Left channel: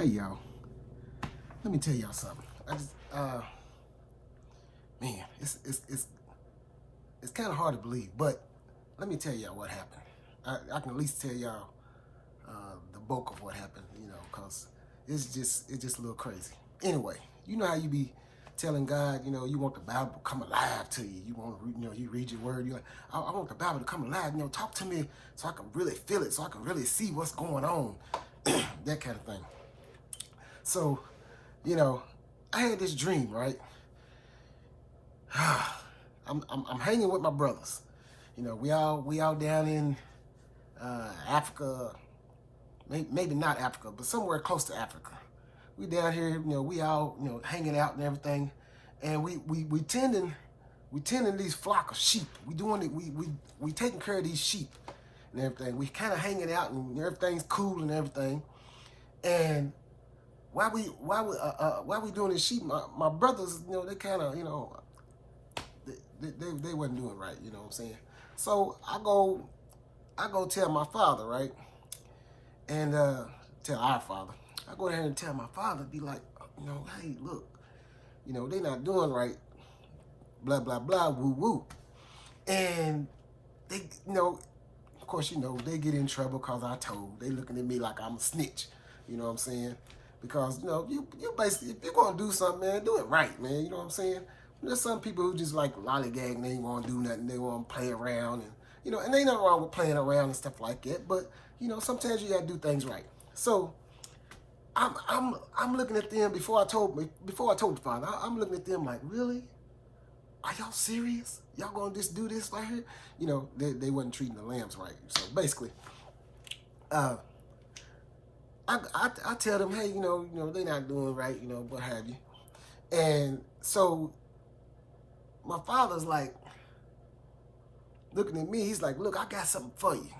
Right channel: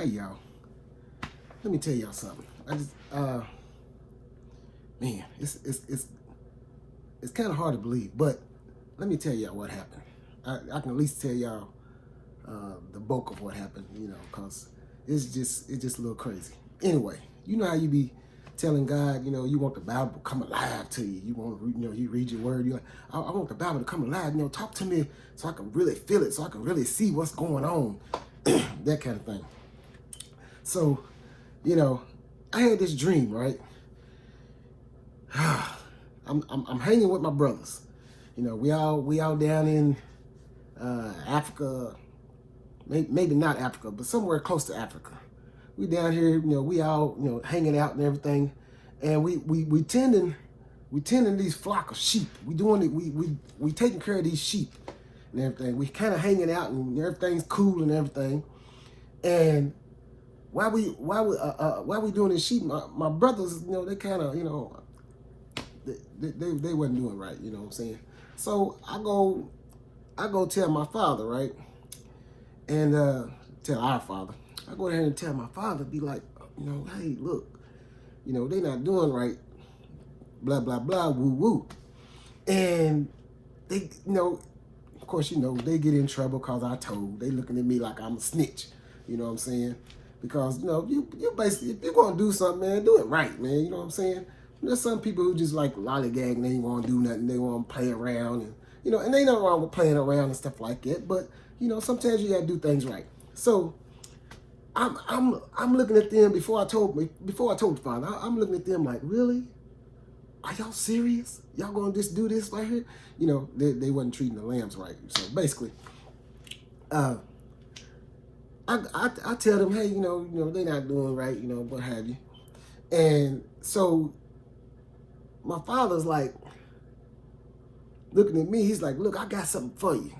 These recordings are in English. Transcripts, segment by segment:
Hey y'all, let me tell y'all something. I just, man, it's kind of hard to believe, but let me tell y'all what happened. I can at least tell y'all the bulk of what happened, you know, cause it's just a little crazy. Anyway, you know how you be telling God, you know, you want the Bible to come alive to you. You want to, you know, you read your word. You like, I want the Bible to come alive. You know, talk to me so I can really feel it, so I can really see what's going on, that kind of thing. So, you know, I had this dream, right? I'm hanging with my brothers. You know, we all down in Africa, maybe not Africa, but somewhere close to Africa. We down here, you know, we all, you know, hanging out and everything, and we tending these flock of sheep. We taking care of these sheep and everything. We kind of hanging out and everything's cool and everything. And while we doing this sheep, my brothers, you know, they kind of, you know, they wasn't doing right, you know what I'm saying? So I go tell my father, right? And tell our father. I go ahead and tell my father, be like, you know, hey, look, you know, they not doing right, blah, blah, blah, woo, woo. And they, you know, of course, you know, they get in trouble because I told. They looking at me like I'm a snitch, you know what I'm saying? Because, you know, you basically, if you're going to do something, man, do it right, man, you know what I'm saying? There's some people who just like lollygag and they ain't want to do nothing. They want to play around and, you know, and ain't nothing wrong with playing around and stuff like that. But, you know, sometimes you got to do things right. So I'm looking at them before I told the father, I'm looking at them like, really? Are y'all serious? Y'all gonna just do this right here? You know, they wasn't treating the lambs right. So basically, I tell them, hey, you know, they're not doing right, you know, what have you. And so my father's like looking at me, he's like, look, I got something for you.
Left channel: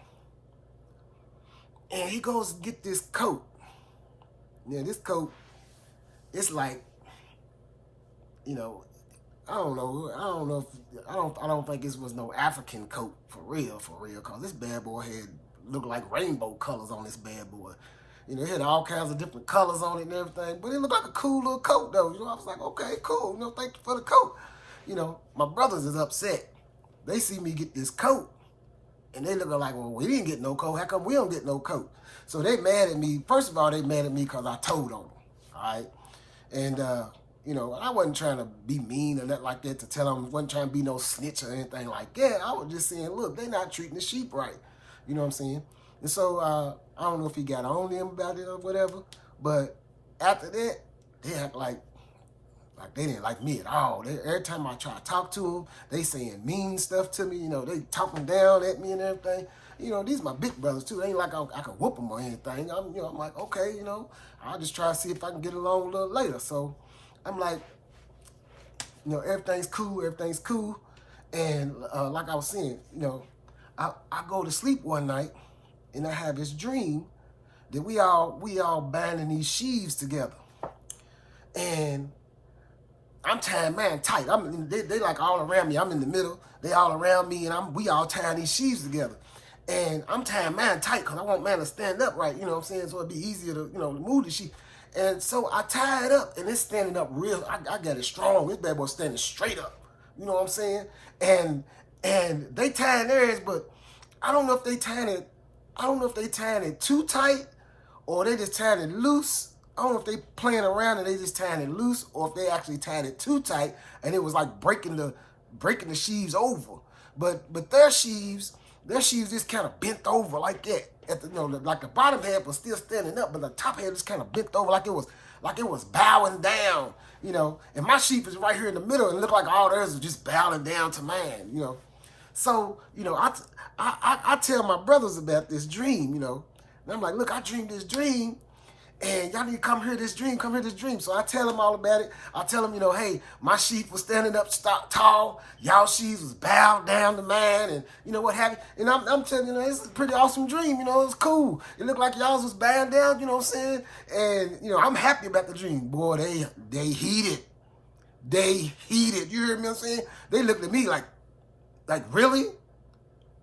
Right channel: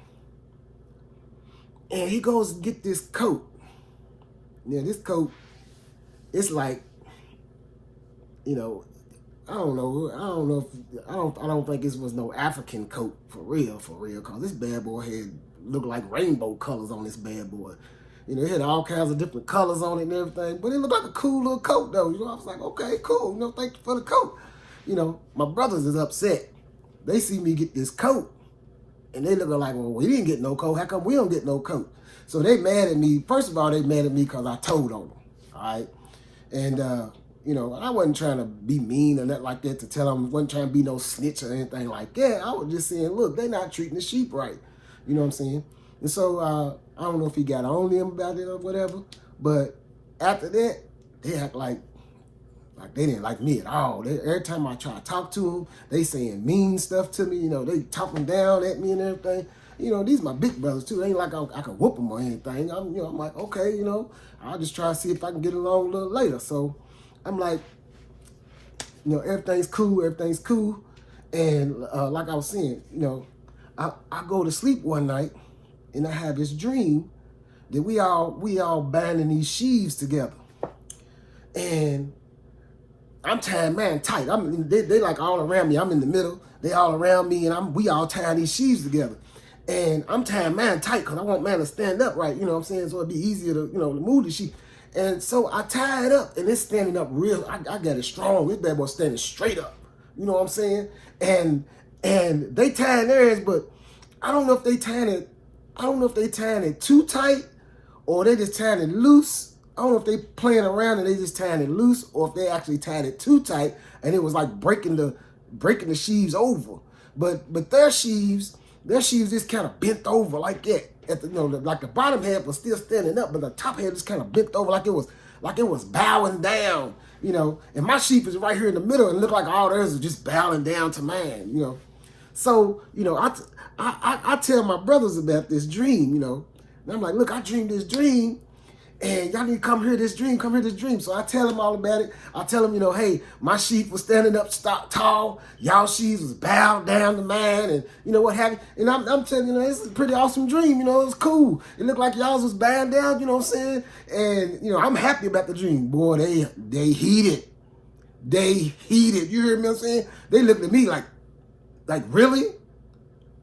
And he goes to get this coat. Yeah, this coat, it's like, you know, I don't think this was no African coat for real, cause this bad boy had looked like rainbow colors on this bad boy. You know, it had all kinds of different colors on it and everything, but it looked like a cool little coat though. You know, I was like, okay, cool, you know, thank you for the coat. You know, my brothers is upset. They see me get this coat and they look like, well, we didn't get no coat. How come we don't get no coat? So they mad at me. First of all, they mad at me because I told on them, all right? And, you know, I wasn't trying to be mean or nothing like that to tell them, wasn't trying to be no snitch or anything like that. I was just saying, look, they not treating the sheep right. You know what I'm saying? And so I don't know if he got on them about it or whatever, but after that, they act like they didn't like me at all. Every time I try to talk to them, they saying mean stuff to me. You know, they talking down at me and everything. You know, these are my big brothers too. It ain't like I can whoop them or anything. I'm like, okay, you know, I'll just try to see if I can get along a little later. So I'm like, you know, everything's cool. And like I was saying, you know, I go to sleep one night and I have this dream that we all binding these sheaves together. And I'm tying mine tight. They like all around me. I'm in the middle. They all around me and we all tying these sheaves together. And I'm tying mine tight because I want mine to stand up right, you know what I'm saying? So it'd be easier to, you know, to move the sheep. And so I tie it up and it's standing up real. I got it strong. This bad boy standing straight up. You know what I'm saying? And they tying theirs, but I don't know if they tying it too tight or they just tying it loose. I don't know if they playing around and they just tying it loose or if they actually tying it too tight and it was like breaking the sheaves over. But their sheaves just kind of bent over like that. At the, you know, like the bottom half was still standing up, but the top half just kind of bent over like it was bowing down, you know. And my sheep is right here in the middle and look like all theirs is just bowing down to mine, you know. So, you know, I tell my brothers about this dream, you know. And I'm like, look, I dreamed this dream. And y'all need to come hear this dream. So I tell them all about it. I tell them, you know, hey, my sheep was standing up tall. Y'all sheep was bowed down to mine and, you know, what have you. And I'm telling you, this is a pretty awesome dream. You know, it's cool. It looked like y'all was bowing down, you know what I'm saying? And, you know, I'm happy about the dream. Boy, they heated. You hear me what I'm saying? They looked at me like, really?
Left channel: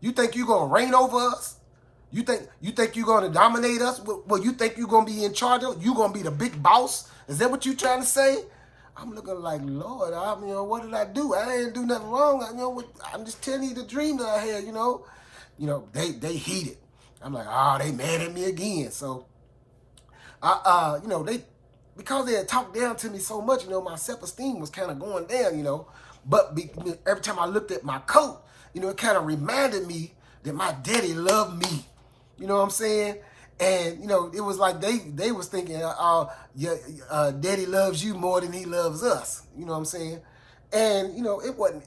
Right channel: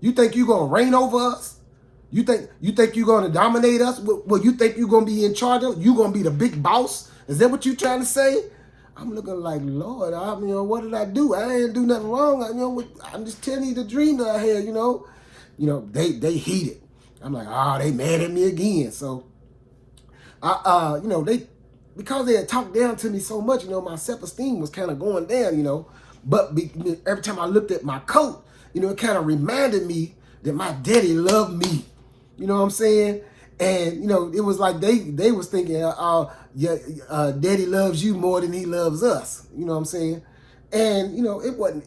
You think you going to reign over us? You think you're going to dominate us? Well, you think you're going to be in charge of? You going to be the big boss? Is that what you trying to say? I'm looking like, Lord, what did I do? I didn't do nothing wrong. I'm just telling you the dream that I had, they heated. I'm like, they mad at me again. So, because they had talked down to me so much, my self-esteem was kind of going down, But every time I looked at my coat, it kind of reminded me that my daddy loved me. You know what I'm saying? And, it was like they was thinking, daddy loves you more than he loves us. You know what I'm saying? And, it wasn't,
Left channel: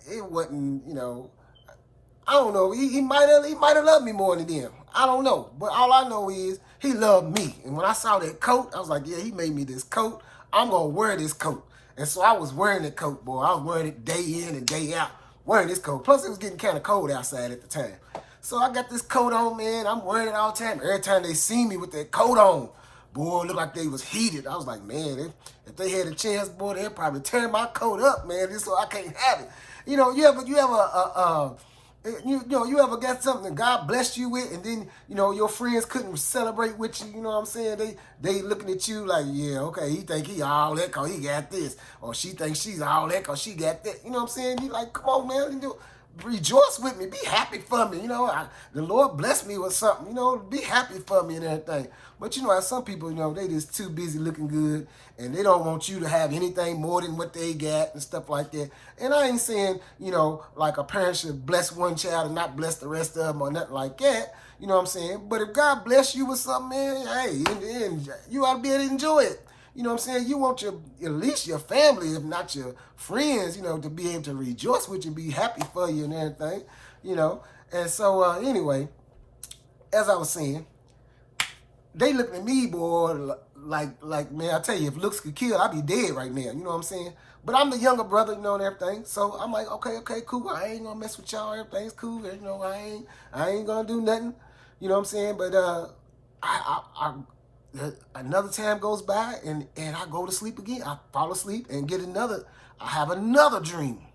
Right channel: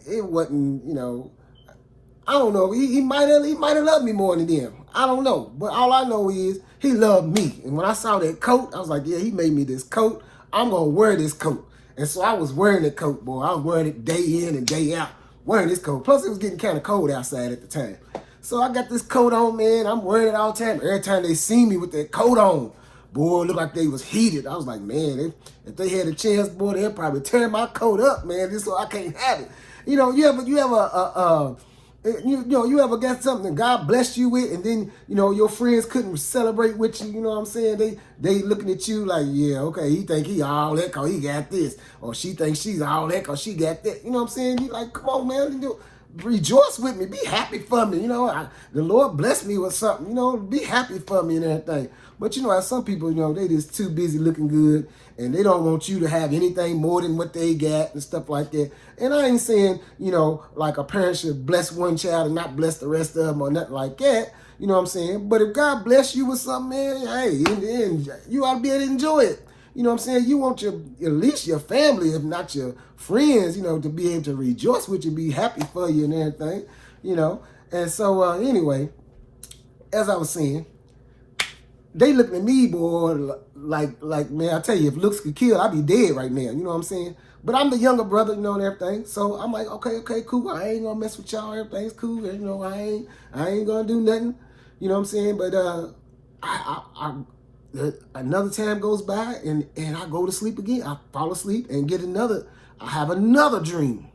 I don't know. He might have loved me more than them. I don't know. But all I know is he loved me. And when I saw that coat, I was like, yeah, he made me this coat. I'm going to wear this coat. And so I was wearing that coat, boy. I was wearing it day in and day out, wearing this coat. Plus, it was getting kind of cold outside at the time. So I got this coat on, man. I'm wearing it all the time. Every time they see me with that coat on, boy, it looked like they was heated. I was like, man, if they had a chance, boy, they'd probably tear my coat up, man. Just so I can't have it. You ever got something God blessed you with, and then, your friends couldn't celebrate with you, you know what I'm saying? They looking at you like, yeah, okay, he think he all that because he got this. Or she thinks she's all that because she got that. You know what I'm saying? You like, come on, man, rejoice with me. Be happy for me. The Lord blessed me with something, be happy for me and everything. But, some people, they just too busy looking good, and they don't want you to have anything more than what they got and stuff like that. And I ain't saying, like a parent should bless one child and not bless the rest of them or nothing like that. You know what I'm saying? But if God bless you with something, man, hey, you ought to be able to enjoy it. You know what I'm saying? You want at least your family, if not your friends, to be able to rejoice with you, be happy for you and everything, And so, anyway, as I was saying, they looking at me, boy, like, man, I tell you, if looks could kill, I'd be dead right now. You know what I'm saying? But I'm the younger brother, and everything. So I'm like, okay, cool. I ain't gonna mess with y'all. Everything's cool. I ain't gonna do nothing. You know what I'm saying? But another time goes by, and I go to sleep again. I fall asleep and I have another dream.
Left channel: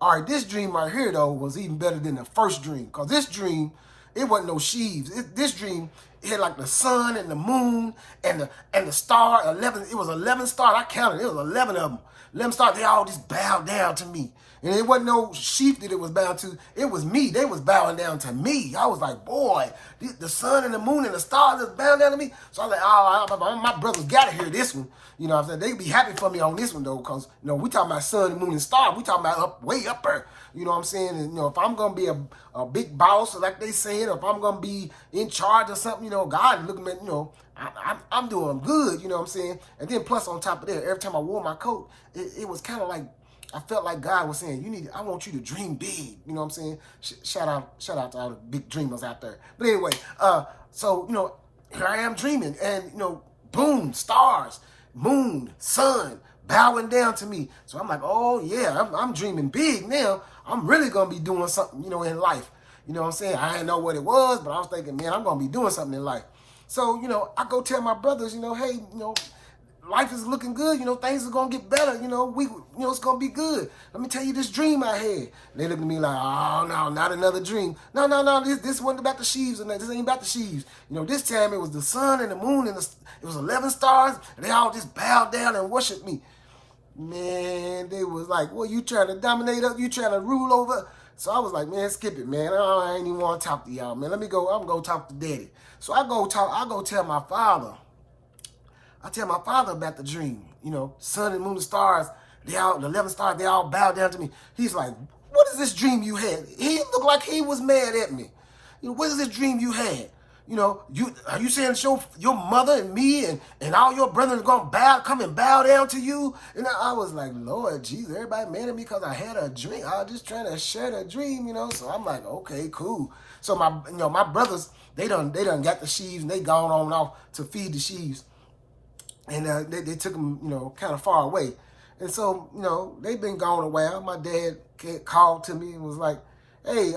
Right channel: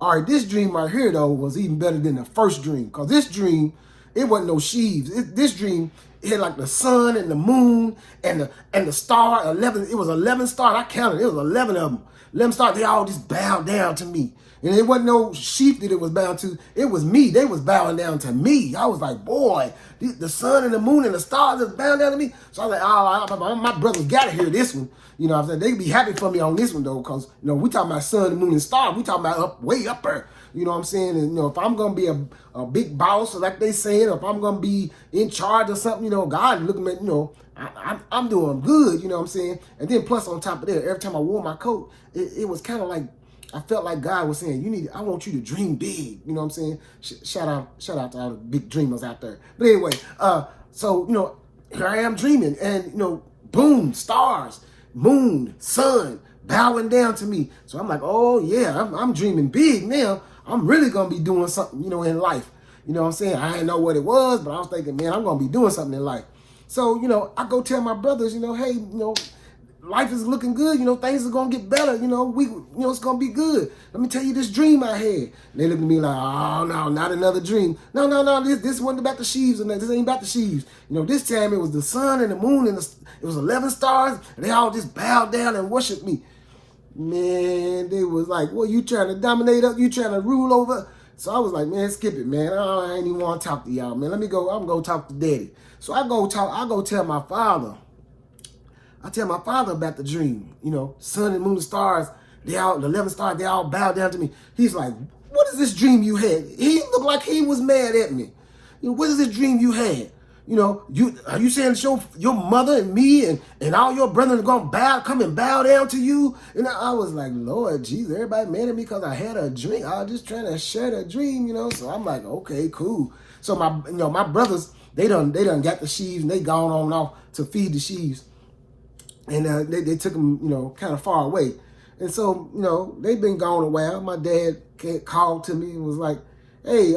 All right, this dream right here, though, was even better than the first dream. Because this dream, it wasn't no sheaves. This dream, it had like the sun and the moon and the star, 11. It was 11 stars. I counted. It was 11 of them. 11 stars. They all just bowed down to me. And it wasn't no sheep that it was bound to. It was me. They was bowing down to me. I was like, boy, the sun and the moon and the stars is bowing down to me. So I was like, my brothers got to hear this one. You know what I'm saying? They be happy for me on this one, though, because, we talking about sun, moon, and stars. We talking about way up there. You know what I'm saying? And, if I'm going to be a big boss, like they saying, if I'm going to be in charge of something, God looking at, I'm doing good, you know what I'm saying? And then plus on top of that, every time I wore my coat, it was kind of like, I felt like God was saying, I want you to dream big. You know what I'm saying? Shout out to all the big dreamers out there. But anyway, so, here I am dreaming, and, boom, stars, moon, sun, bowing down to me. So I'm like, oh yeah, I'm dreaming big now. I'm really going to be doing something, in life. You know what I'm saying? I didn't know what it was, but I was thinking, man, I'm going to be doing something in life. So, I go tell my brothers, hey, life is looking good. Things are going to get better. It's going to be good. Let me tell you this dream I had. And they look at me like, oh, no, not another dream. No, this wasn't about the sheaves. This ain't about the sheaves. This time it was the sun and the moon and it was 11 stars. And they all just bowed down and worshiped me. Man, they was like, well, you trying to dominate us? You trying to rule over? So I was like, man, skip it, man. I ain't even want to talk to y'all, man. Let me go. I'm going to talk to daddy. So I go tell my father. I tell my father about the dream. Sun and moon and stars, the 11 stars, they all bow down to me. He's like, what is this dream you had? He looked like he was mad at me. What is this dream you had? Are you saying your mother and me and all your brothers are going to come and bow down to you? And I was like, Lord Jesus, everybody mad at me because I had a dream. I was just trying to share a dream, So I'm like, okay, cool. So my brothers, they done got the sheaves, and they gone on and off to feed the sheaves. And they took them, kind of far away. And so, they've been gone a while. My dad called to me and was like, hey,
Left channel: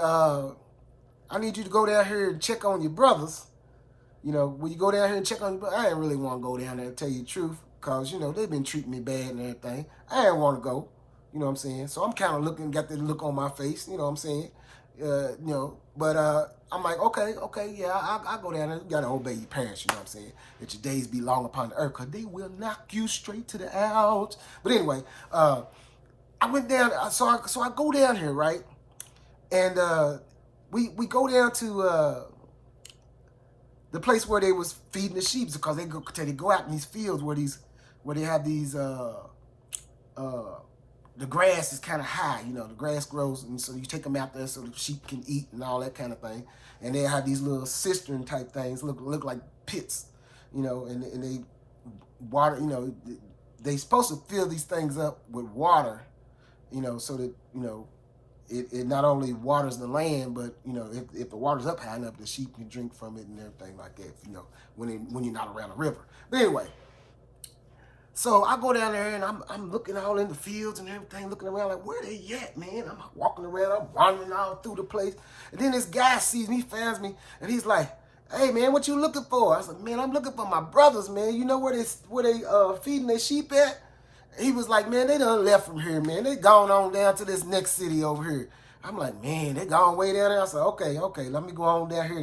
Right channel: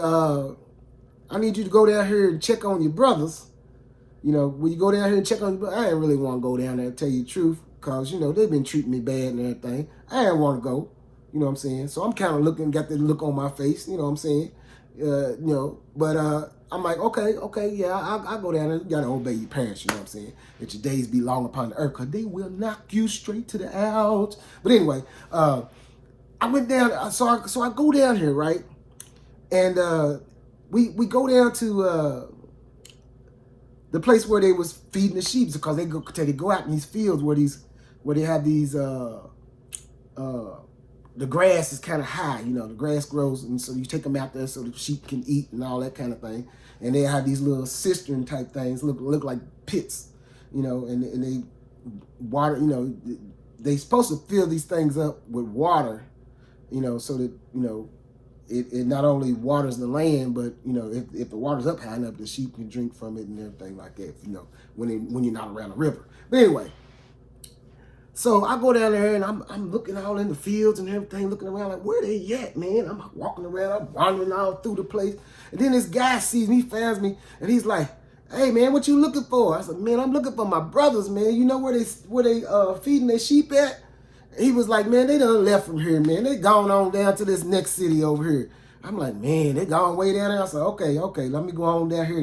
I need you to go down here and check on your brothers. Will you go down here and check on your brothers? I didn't really want to go down there and tell you the truth because, they've been treating me bad and everything. I didn't want to go, you know what I'm saying? So I'm kind of got that look on my face, you know what I'm saying? But I'm like, okay, yeah, I'll go down there. You got to obey your parents, you know what I'm saying? That your days be long upon the earth, because they will knock you straight to the ouch. But anyway, I went down, so I go down here, right? And we go down to the place where they was feeding the sheep, because they go out in these fields where they have these the grass is kind of high, you know, the grass grows, and so you take them out there so the sheep can eat and all that kind of thing. And they have these little cistern type things, look like pits, you know, and they water, you know, they supposed to fill these things up with water, you know, so that, you know, it not only waters the land, but, you know, if the water's up high enough, the sheep can drink from it and everything like that, you know, when you're not around a river. But anyway, so I go down there and I'm looking all in the fields and everything, looking around like, where they at, man? I'm walking around, I'm wandering all through the place. And then this guy sees me, finds me, and he's like, hey, man, what you looking for? I said, man, I'm looking for my brothers, man. You know where they feeding their sheep at? And he was like, man, they done left from here, man. They gone on down to this next city over here. I'm like, man, they gone way down there. I said, okay, let me go on down here.